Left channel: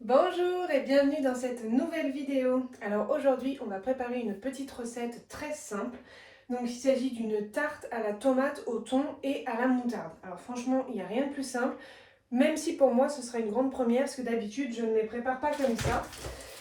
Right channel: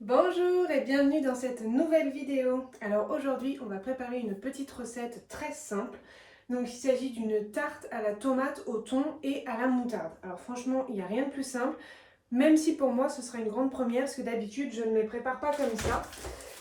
Bonjour et bienvenue dans cette nouvelle vidéo. Alors aujourd'hui, on va préparer une petite recette très simple. Donc il s'agit d'une tarte à la tomate, au thon et à la moutarde. Alors franchement, il n'y a rien de plus simple, même si pour moi ce sera une grande première, parce que d'habitude je ne les prépare pas comme ça.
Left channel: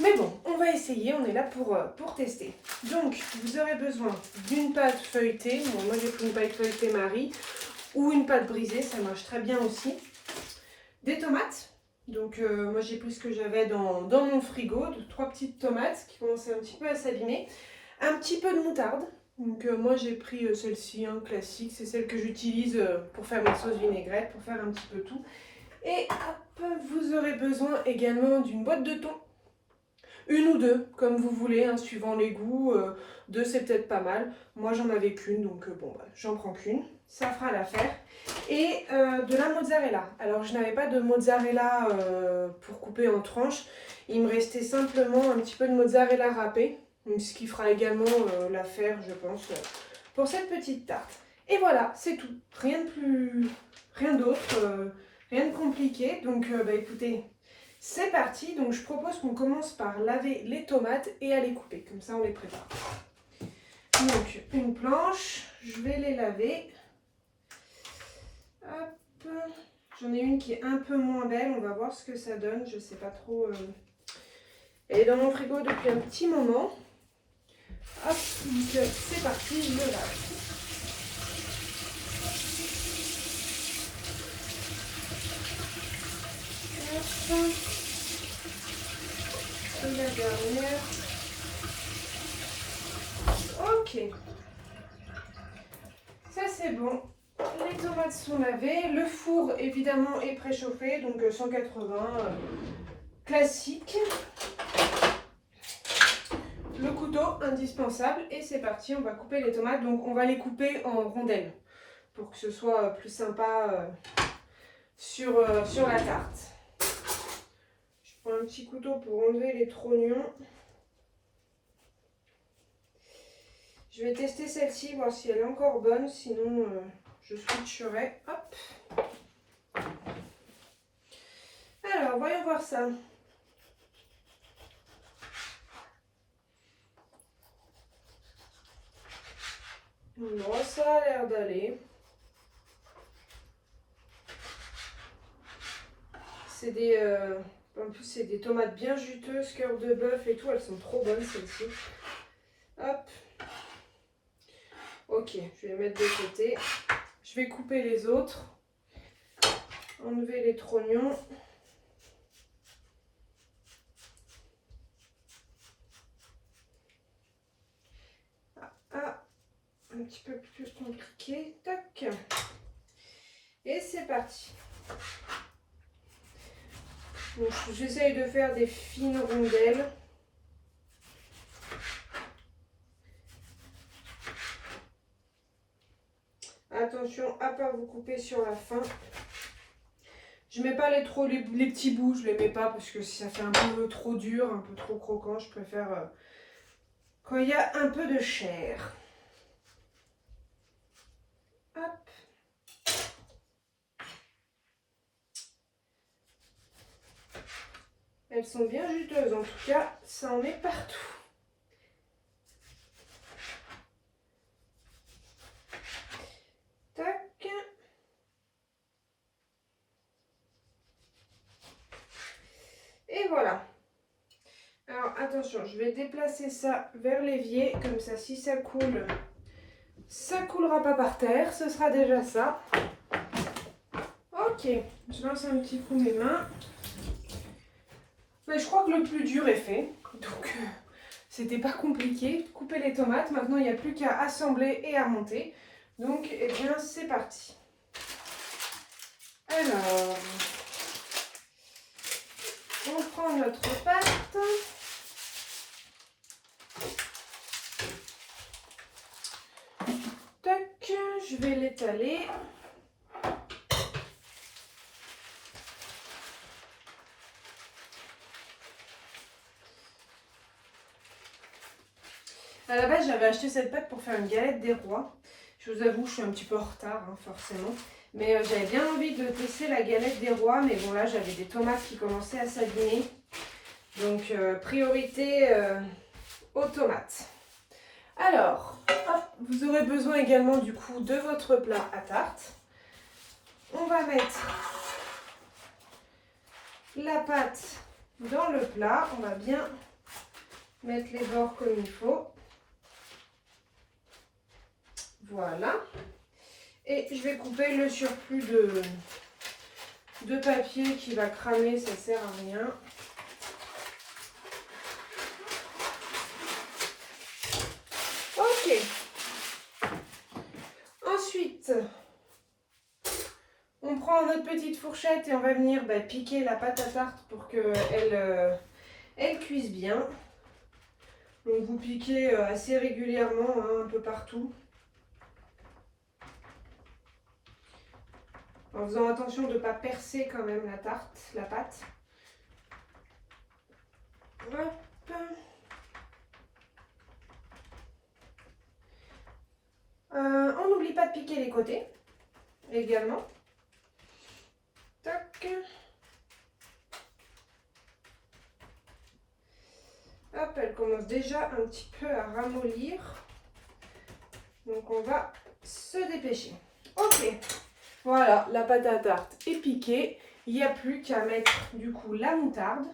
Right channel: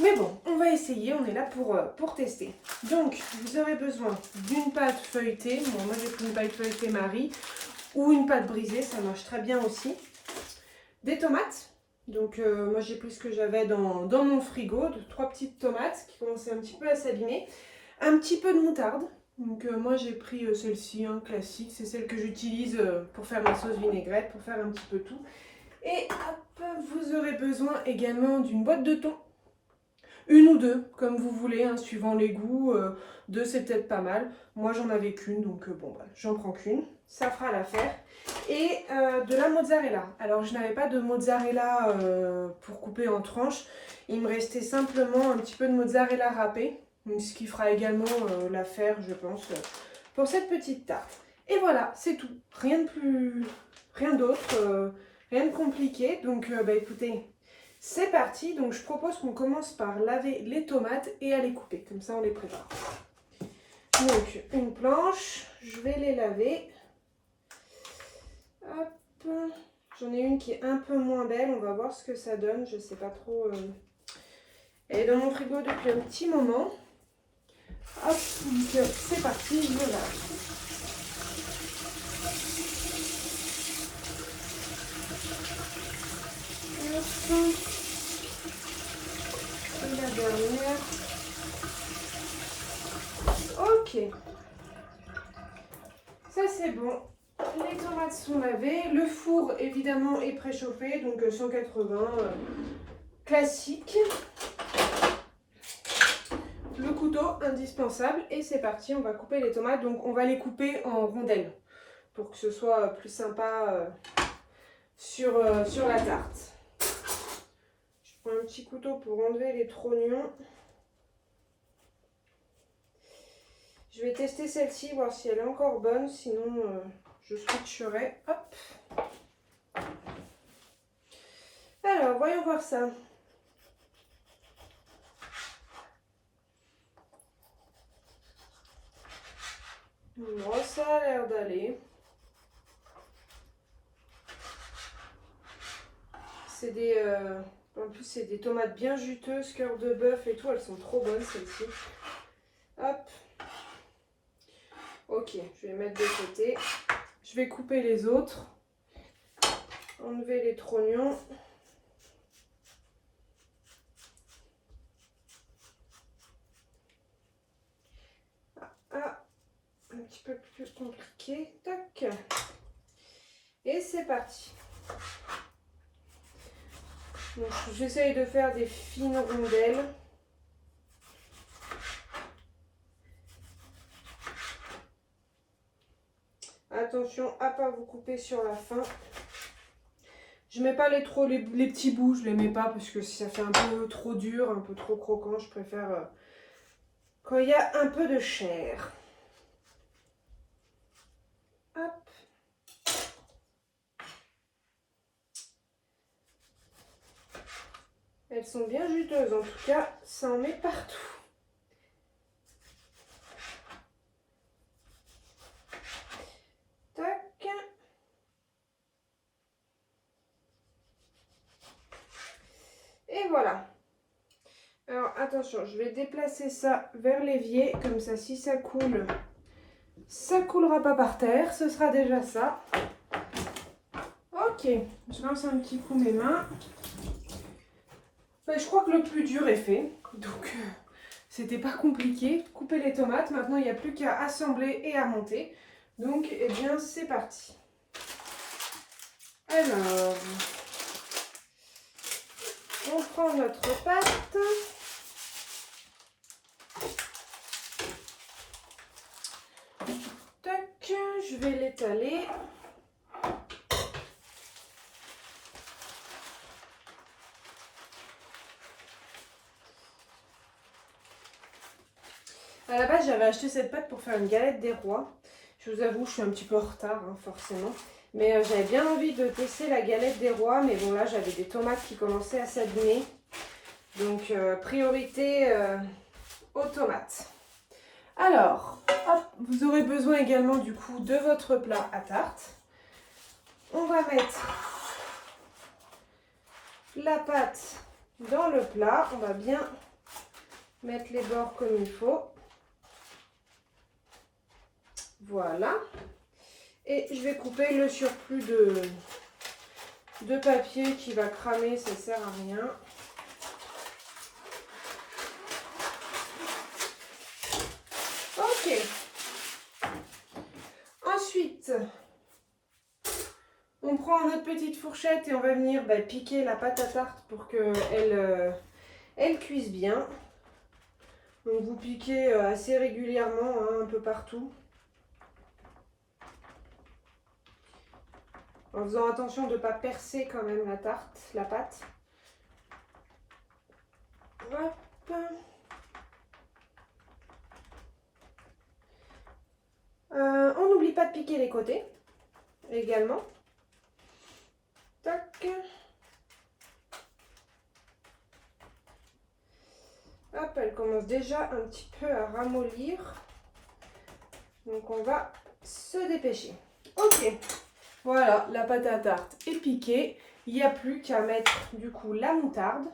Mais bon, on va essayer, on est là pour tester. Donc vous aurez besoin d'une pâte feuilletée. Bon, moi j'ai pris une pâte feuilletée Marie, ou une pâte brisée, ça marche très bien aussi. Des tomates. Donc moi j'ai pris ce que j'avais dans mon frigo, trois petites tomates qui commençaient un petit peu à s'abîmer. Un petit peu de moutarde. Donc moi j'ai pris celle-ci, classique, c'est celle que j'utilise pour faire ma sauce vinaigrette, pour faire un petit peu tout. Et hop, vous aurez besoin également d'une boîte de thon. Une ou deux, comme vous voulez, hein, suivant les goûts. Deux c'est peut-être pas mal. Moi j'en avais qu'une, donc bon, bah, j'en prends qu'une. Ça fera l'affaire. Et de la mozzarella. Alors je n'avais pas de mozzarella pour couper en tranches. Il me restait simplement un petit peu de mozzarella râpée. Ce qui fera également l'affaire, je pense, pour cette petite tarte. Et voilà, c'est tout. Rien d'autre, rien de compliqué. Donc bah, écoutez, c'est parti. Donc je propose qu'on commence par laver les tomates et à les couper. Comme ça on les prépare. Donc une planche, je vais les laver. Hop. J'en ai une qui est un peu moins belle, on va voir ce que ça donne, je sais pas trop. Elle est dans mon frigo depuis un petit moment. Hop, donc c'est parti, je le lave. Hop. La dernière. Ok. Ça c'est bon. Les tomates sont lavées. Le four évidemment est préchauffé, donc 180 classique. Le couteau indispensable et c'est parti, on va couper les tomates. Donc on va les couper en rondelles pour que ce soit plus sympa sur la tarte. Je prends un petit couteau pour enlever les trognons. Je vais tester celle-ci, voir si elle est encore bonne, sinon je switcherai. Hop. Alors, voyons voir ça. Bon, ça a l'air d'aller. C'est en plus, c'est des tomates bien juteuses, cœur de bœuf et tout. Elles sont trop bonnes, celles-ci. Hop. Ok, je vais les mettre de côté. Je vais couper les autres. Enlever les trognons. Ah, un petit peu plus compliqué. Tac. Et c'est parti. J'essaye de faire des fines rondelles. Attention à ne pas vous couper sur la fin. Je mets pas les petits bouts, je les mets pas parce que si ça fait un peu trop dur, un peu trop croquant, je préfère quand il y a un peu de chair. Hop. Elles sont bien juteuses, en tout cas, ça en met partout. Tac. Et voilà. Alors attention, je vais déplacer ça vers l'évier, comme ça si ça coule, ça coulera pas par terre, ce sera déjà ça. Ok, je lance un petit coup mes mains. Ben, je crois que le plus dur est fait, donc c'était pas compliqué. Couper les tomates, maintenant il n'y a plus qu'à assembler et à monter. Donc eh bien c'est parti. Alors, on prend notre pâte. Tac, je vais l'étaler. À la base, j'avais acheté cette pâte pour faire une galette des rois. Je vous avoue, je suis un petit peu en retard, hein, forcément. Mais j'avais bien envie de tester la galette des rois. Mais bon, là, j'avais des tomates qui commençaient à s'abîmer. Donc, priorité aux tomates. Alors, hop, vous aurez besoin également du coup de votre plat à tarte. On va mettre la pâte dans le plat. On va bien mettre les bords comme il faut. Voilà. Et je vais couper le surplus de papier qui va cramer, ça sert à rien. Ok. Ensuite, on prend notre petite fourchette et on va venir piquer la pâte à tarte pour qu'elle elle cuise bien. Donc vous piquez assez régulièrement, hein, un peu partout. En faisant attention de ne pas percer quand même la pâte. Hop. On n'oublie pas de piquer les côtés également. Tac. Hop, elle commence déjà un petit peu à ramollir. Donc on va se dépêcher. Ok. Voilà, la pâte à tarte est piquée. Il n'y a plus qu'à mettre du coup la moutarde,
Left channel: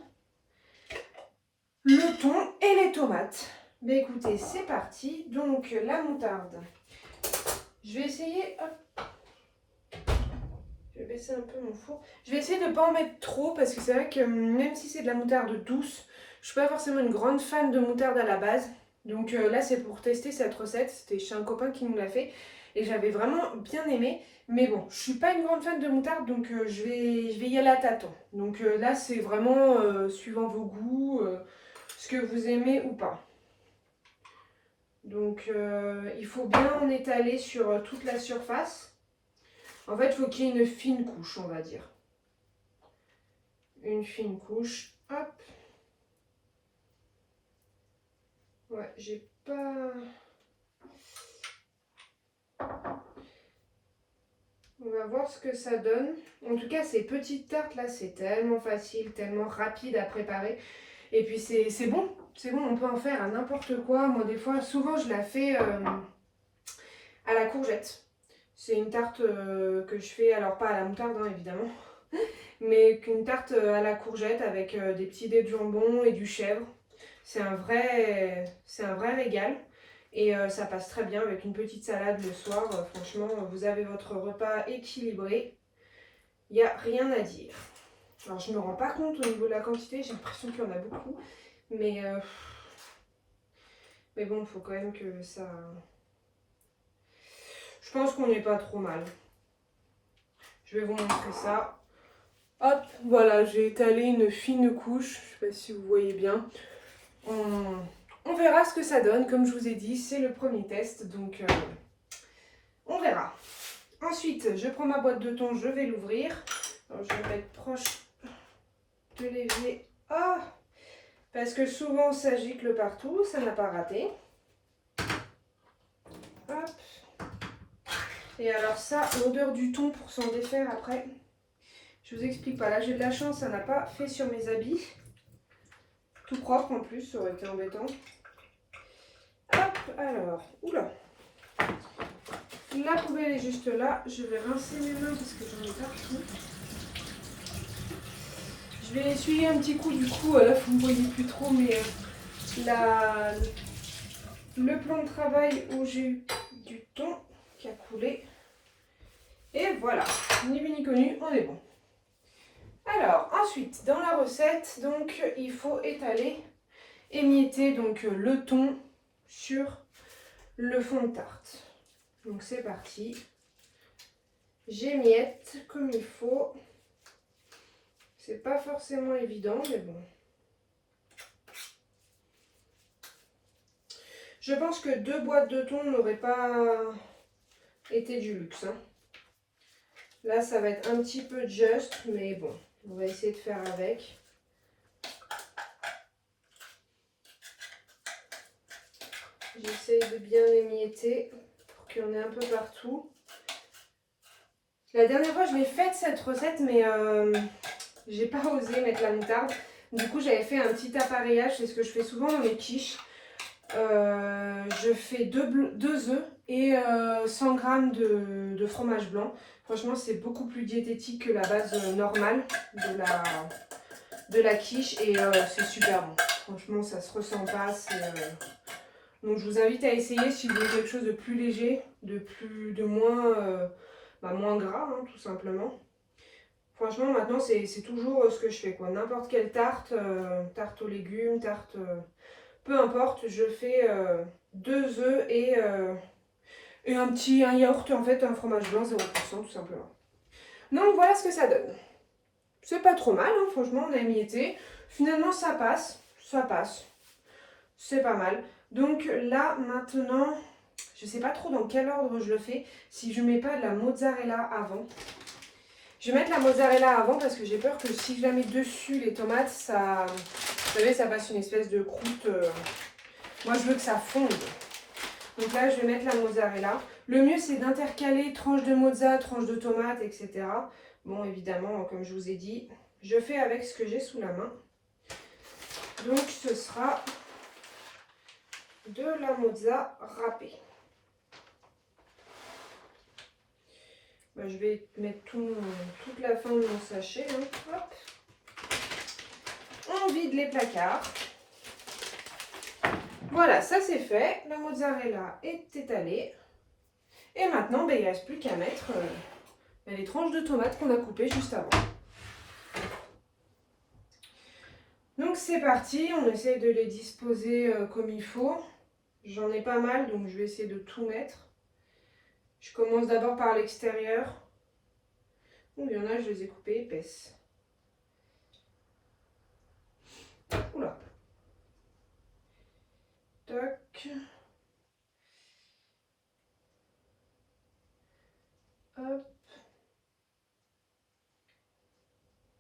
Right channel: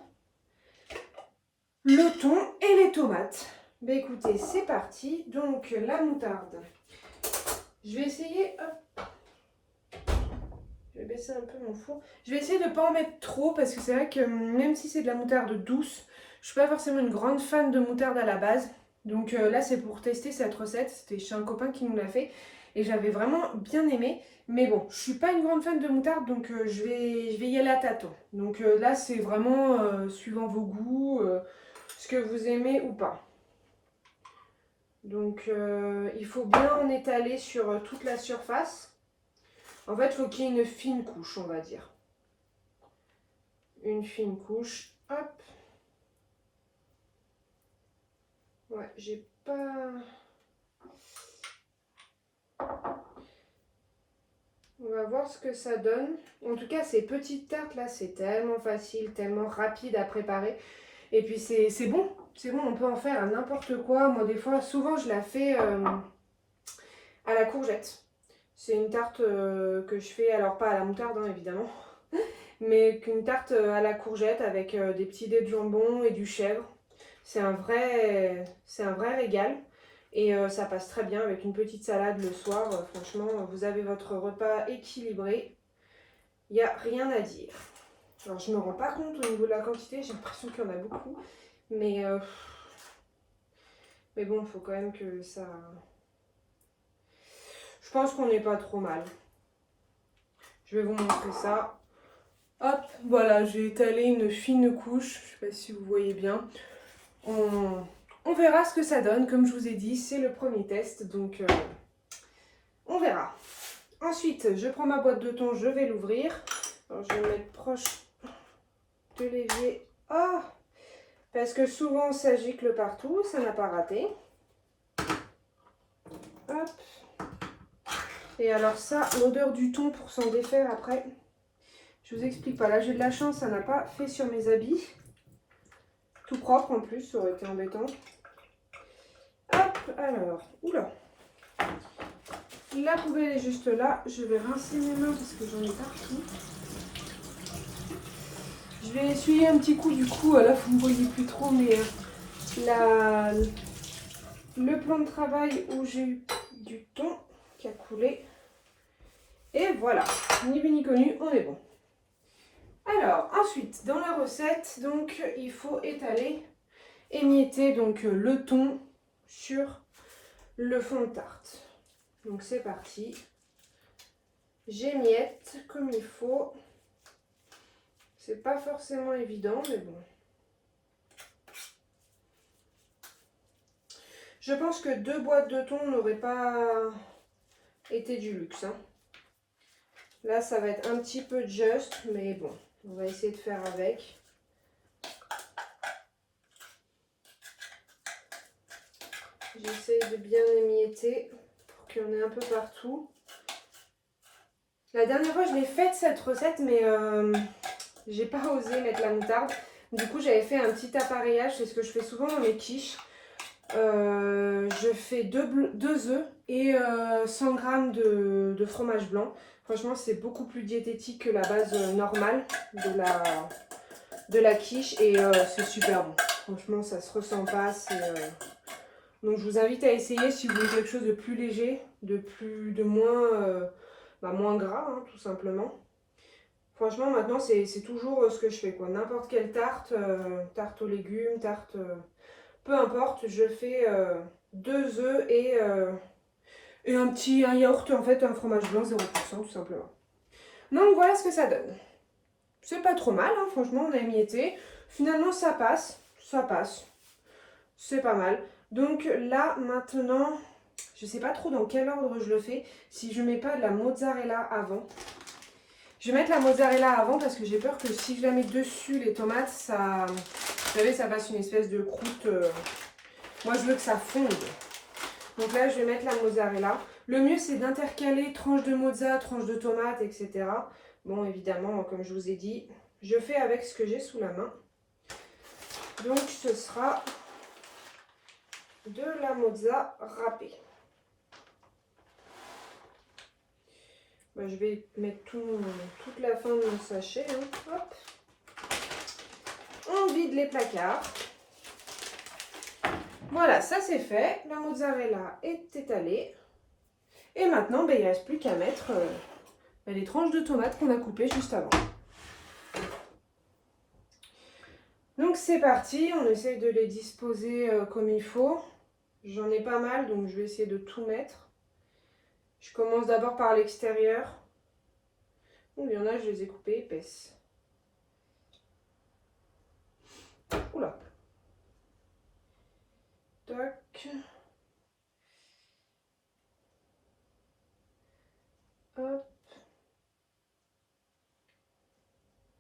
le thon et les tomates. Mais écoutez, c'est parti. Donc la moutarde. Je vais essayer. Hop. Je vais baisser un peu mon four. Je vais essayer de ne pas en mettre trop parce que c'est vrai que même si c'est de la moutarde douce, je ne suis pas forcément une grande fan de moutarde à la base. Donc là, c'est pour tester cette recette. C'était chez un copain qui nous l'a fait. Et j'avais vraiment bien aimé. Mais bon, je suis pas une grande fan de moutarde, donc je vais y aller à tâtons. Donc là, c'est vraiment suivant vos goûts, ce que vous aimez ou pas. Donc il faut bien en étaler sur toute la surface. En fait, il faut qu'il y ait une fine couche, on va dire. Une fine couche. Hop. Ouais, j'ai pas... On va voir ce que ça donne. En tout cas, ces petites tartes là, c'est tellement facile, tellement rapide à préparer. Et puis c'est bon, on peut en faire à n'importe quoi. Moi, des fois, souvent, je la fais à la courgette. C'est une tarte que je fais, alors pas à la moutarde, hein, évidemment, mais qu'une tarte à la courgette avec des petits dés de jambon et du chèvre. C'est un vrai régal. Et ça passe très bien avec une petite salade le soir. Franchement, vous avez votre repas équilibré. Il n'y a rien à dire. Alors, je ne me rends pas compte au niveau de la quantité. J'ai l'impression qu'il y en a beaucoup. Mais bon, il faut quand même que ça... Je pense qu'on n'est pas trop mal. Je vais vous montrer ça. Hop, voilà, j'ai étalé une fine couche. Je ne sais pas si vous voyez bien. On verra ce que ça donne. Comme je vous ai dit, c'est le premier test. Donc, on verra. Ensuite, je prends ma boîte de thon. Je vais l'ouvrir. Alors, je vais me mettre proche de l'évier. Oh, parce que souvent, ça gicle partout. Ça n'a pas raté. Hop. Et alors ça, l'odeur du thon pour s'en défaire après, je vous explique pas. Là, j'ai de la chance, ça n'a pas fait sur mes habits. Tout propre en plus, ça aurait été embêtant. Hop, alors, oula. La poubelle est juste là. Je vais rincer mes mains parce que j'en ai partout. Je vais essuyer un petit coup du coup. Là, vous ne voyez plus trop, mais le plan de travail où j'ai eu du thon qui a coulé. Et voilà, ni vu ni connu, on est bon. Alors, ensuite, dans la recette, donc, il faut étaler, émietter donc, le thon sur le fond de tarte. Donc, c'est parti. J'émiette comme il faut. C'est pas forcément évident, mais bon. Je pense que 2 boîtes de thon n'auraient pas été du luxe, hein. Là, ça va être un petit peu juste, mais bon, on va essayer de faire avec. J'essaie de bien émietter pour qu'il y en ait un peu partout. La dernière fois, je l'ai faite cette recette, mais j'ai pas osé mettre la moutarde. Du coup, j'avais fait un petit appareillage, c'est ce que je fais souvent dans mes quiches. Je fais 2 œufs et 100 g de fromage blanc. Franchement, c'est beaucoup plus diététique que la base normale de la quiche et c'est super bon. Franchement, ça se ressent pas. Donc, je vous invite à essayer si vous voulez quelque chose de plus léger, de moins gras, hein, tout simplement. Franchement, maintenant, c'est toujours ce que je fais, quoi. N'importe quelle tarte, tarte aux légumes, tarte... peu importe, je fais 2 œufs et un yaourt, en fait, un fromage blanc 0% tout simplement. Donc voilà ce que ça donne. C'est pas trop mal, hein, franchement, on a émietté. Finalement, ça passe, c'est pas mal. Donc là, maintenant, je sais pas trop dans quel ordre je le fais. Si je mets pas de la mozzarella avant. Je vais mettre la mozzarella avant parce que j'ai peur que si je la mets dessus, les tomates, ça... Vous savez, ça fasse une espèce de croûte... Moi, je veux que ça fonde. Donc là, je vais mettre la mozzarella. Le mieux, c'est d'intercaler tranche de mozza, tranche de tomate, etc. Bon, évidemment, comme je vous ai dit, je fais avec ce que j'ai sous la main. Donc, ce sera de la mozza râpée. Ben, je vais mettre toute la fin de mon sachet. Hein. Hop. On vide les placards. Voilà, ça c'est fait. La mozzarella est étalée. Et maintenant, ben, il ne reste plus qu'à mettre les tranches de tomates qu'on a coupées juste avant. Donc c'est parti, on essaie de les disposer comme il faut. J'en ai pas mal, donc je vais essayer de tout mettre. Je commence d'abord par l'extérieur. Il y en a, je les ai coupées épaisses. Oula. Tac. Hop.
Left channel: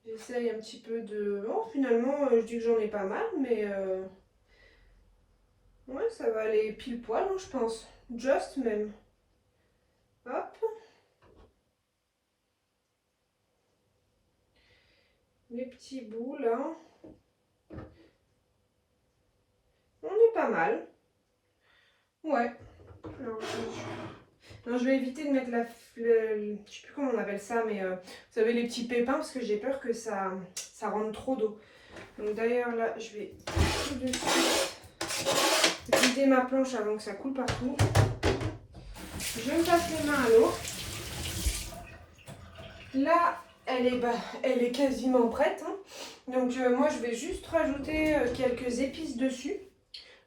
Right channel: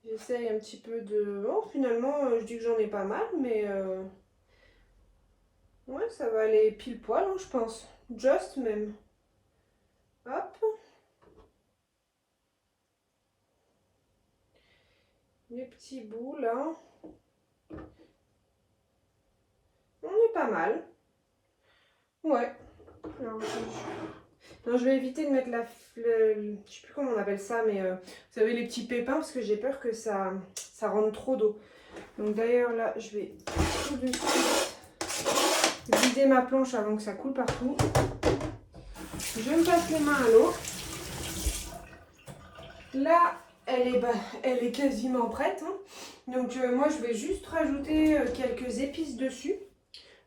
J'essaye un petit peu de... Oh, finalement, je dis que j'en ai pas mal, mais... Ouais, ça va aller pile poil, hein, je pense. Just même. Hop. Les petits bouts, là. On est pas mal. Ouais. Alors, non, je vais éviter de mettre je sais plus comment on appelle ça, mais vous savez, les petits pépins, parce que j'ai peur que ça rentre trop d'eau. Donc d'ailleurs, là, je vais tout de suite vider ma planche avant que ça coule partout. Je me passe les mains à l'eau. Là, elle est quasiment prête. Hein. Donc moi, je vais juste rajouter quelques épices dessus.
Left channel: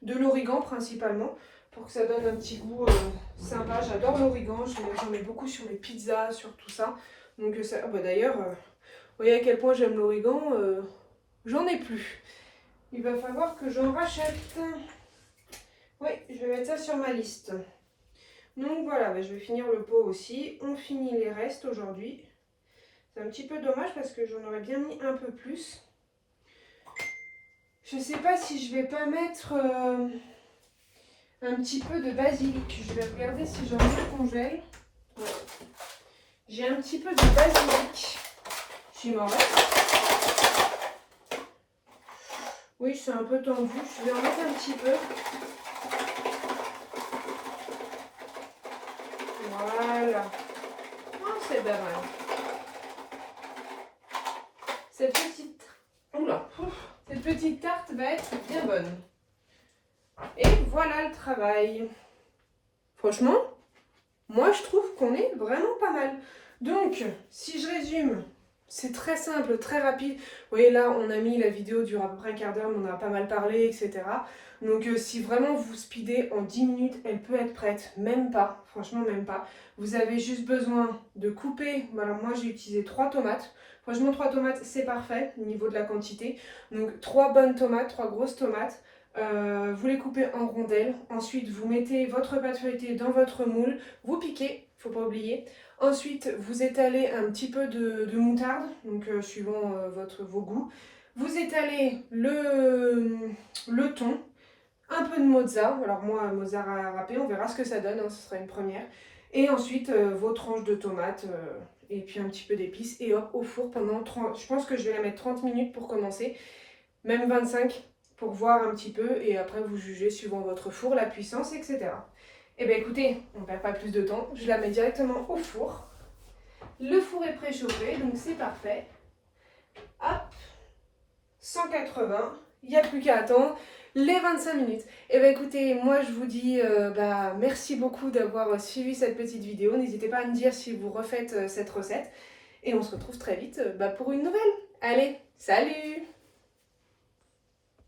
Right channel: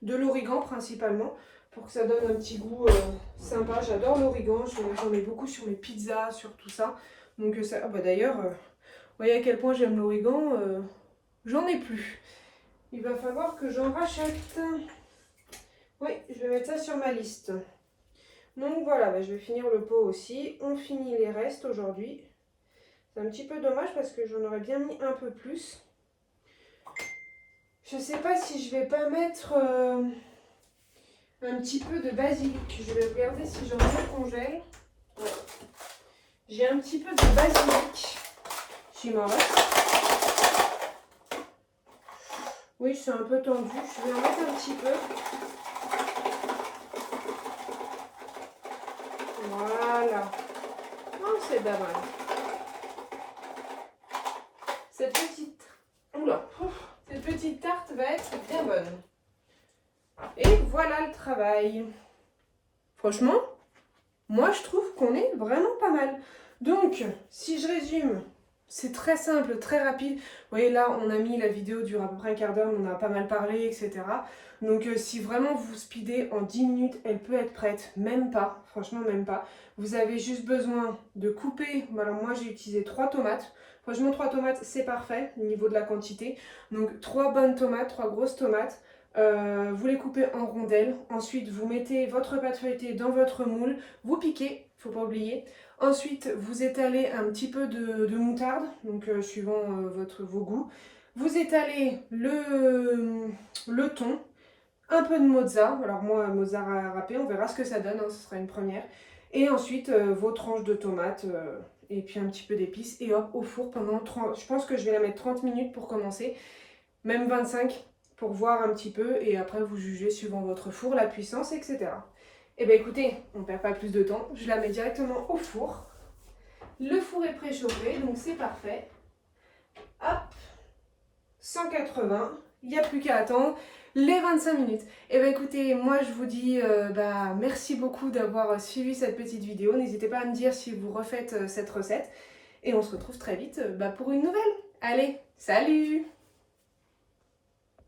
De l'origan principalement, pour que ça donne un petit goût sympa. J'adore l'origan, j'en mets beaucoup sur mes pizzas, sur tout ça. Donc ça, bah d'ailleurs, vous voyez à quel point j'aime l'origan, j'en ai plus. Il va falloir que j'en rachète. Oui, je vais mettre ça sur ma liste. Donc voilà, bah, je vais finir le pot aussi. On finit les restes aujourd'hui. C'est un petit peu dommage parce que j'en aurais bien mis un peu plus. Je sais pas si je vais pas mettre un petit peu de basilic. Je vais regarder si j'en ai au congèle. Ouais. J'ai un petit peu de basilic. J'y m'en reste. Oui, c'est un peu tendu. Je vais en mettre un petit peu. Voilà. Oh, c'est pas mal. Cette petite tarte va être bien bonne. Et voilà le travail. Franchement, moi je trouve qu'on est vraiment pas mal. Donc, si je résume, c'est très simple, très rapide. Vous voyez là, on a mis la vidéo dure à peu près un quart d'heure, mais on a pas mal parlé, etc. Donc si vraiment vous speedez en 10 minutes, elle peut être prête. Même pas, franchement même pas. Vous avez juste besoin de couper. Alors moi j'ai utilisé 3 tomates. Franchement 3 tomates c'est parfait au niveau de la quantité. Donc 3 bonnes tomates, 3 grosses tomates. Vous les coupez en rondelles. Ensuite vous mettez votre pâte feuilletée dans votre moule. Vous piquez, faut pas oublier. Ensuite vous étalez un petit peu de moutarde, donc suivant vos goûts. Vous étalez le thon. Un peu de mozza, alors moi mozza râpé, on verra ce que ça donne, hein, ce sera une première. Et ensuite vos tranches de tomates et puis un petit peu d'épices et hop au four pendant 30, je pense que je vais la mettre 30 minutes pour commencer, même 25 pour voir un petit peu et après vous jugez suivant votre four, la puissance, etc. Et bien écoutez, on ne perd pas plus de temps, je la mets directement au four. Le four est préchauffé, donc c'est parfait. Hop, 180, il n'y a plus qu'à attendre les 25 minutes. Et bien écoutez, moi je vous dis merci beaucoup d'avoir suivi cette petite vidéo. N'hésitez pas à me dire si vous refaites cette recette. Et on se retrouve très vite pour une nouvelle. Allez, salut!